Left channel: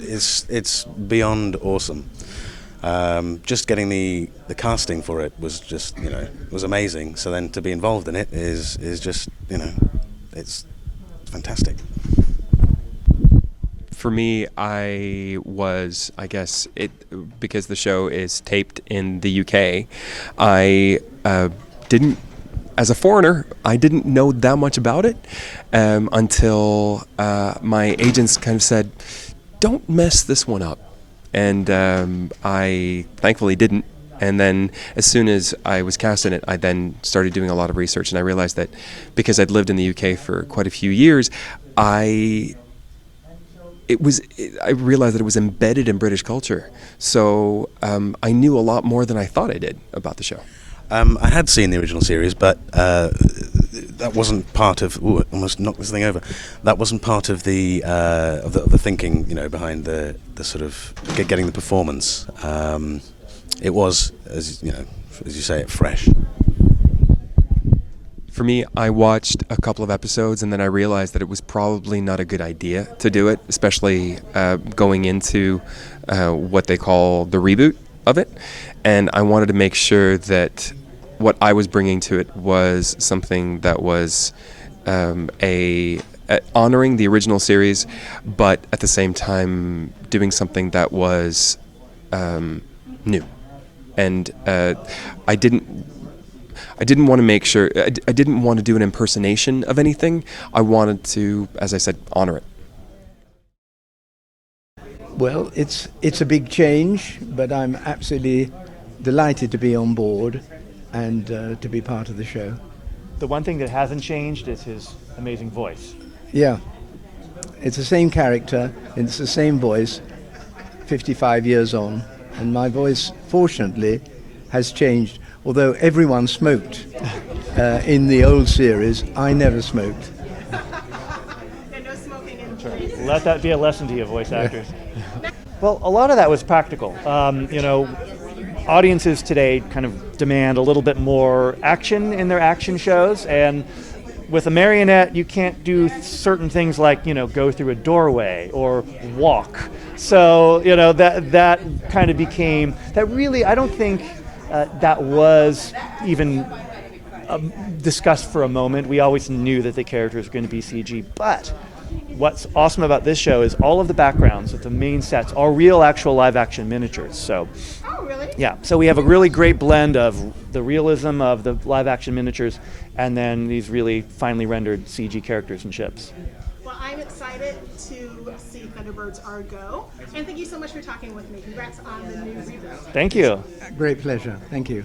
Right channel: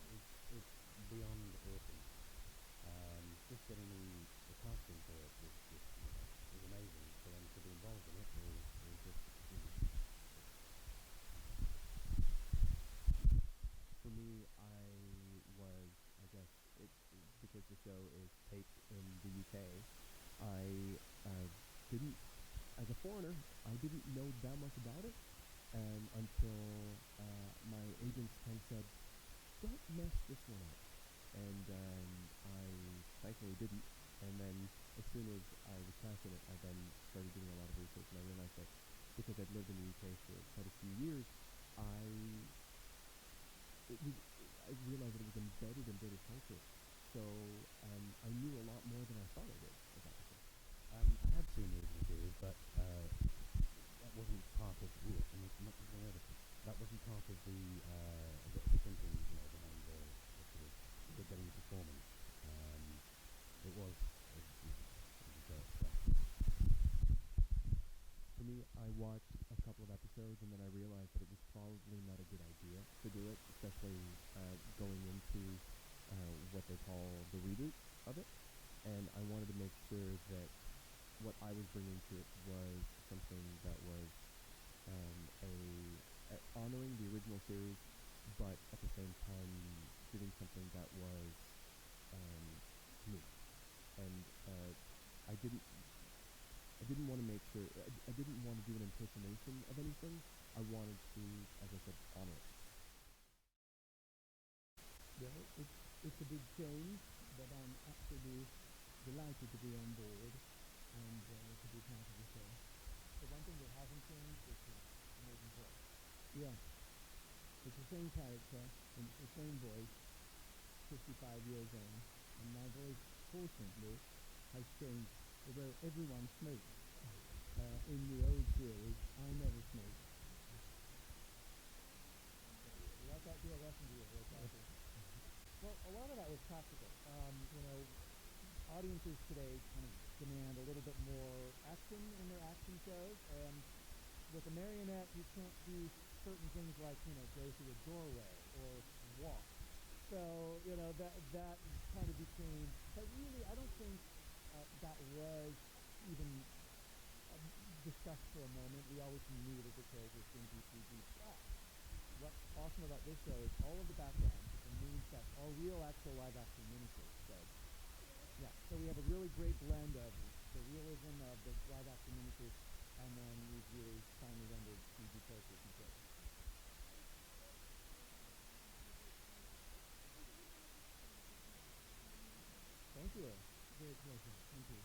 It's beyond awesome. Just getting the casting for it was just, was amazing. So then to be involved in it is just, it's fantastic. For me, I guess because the show is taped in the UK, I didn't, as a foreigner, I didn't know that much about it until my agents kind of said, don't mess this one up. And I thankfully didn't. And then as soon as I was cast in it, I then started doing a lot of research, and I realized that because I'd lived in the UK for quite a few years, I realized that it was embedded in British culture. So I knew a lot more than I thought I did about the show. I had seen the original series, but that wasn't part of. Ooh, I almost knocked this thing over. That wasn't part of the thinking, behind the sort of getting the performance. It was, as you say, fresh. For me, I watched a couple of episodes and then I realized that it was probably not a good idea to do it, especially going into what they call the reboot of it. And I wanted to make sure that what I was bringing to it was something that was honoring the original series, but at the same time doing something that was new. And I didn't want to make sure, I didn't want to do an impersonation of anything. I wanted to, as I said, honor it. Well, it's a big change, but I'm absolutely delighted to be on board and to be part of the show. The one thing that hasn't changed is his amazing voice. Yeah, it's the same character, it's the same voice, 55 years on, and my voice, fortunately, has changed. Although everyone smoked in the old series, I never smoked. And no smoking in Let that be a lesson to you, voice actors. Well, a lot of that was practical. Audiences today kind of demand a little bit more action in their action shows, and with a marionette, you can't do certain things like, go through a doorway or walk. So, that kind of became, that really, I don't think that was even discussed for a moment. We always knew that the characters were going to be CG, but what's awesome about this show is all of the backgrounds of the main sets are real, actual live-action miniatures. So, Oh, really? yeah, so we have a really great blend of the realism of the live-action miniatures and then these really finely rendered CG characters and ships. Well, I'm excited to see Thunderbirds Argo. And thank you so much for talking with me. Congrats on the new reboot. Thank you. Great pleasure. Thank you.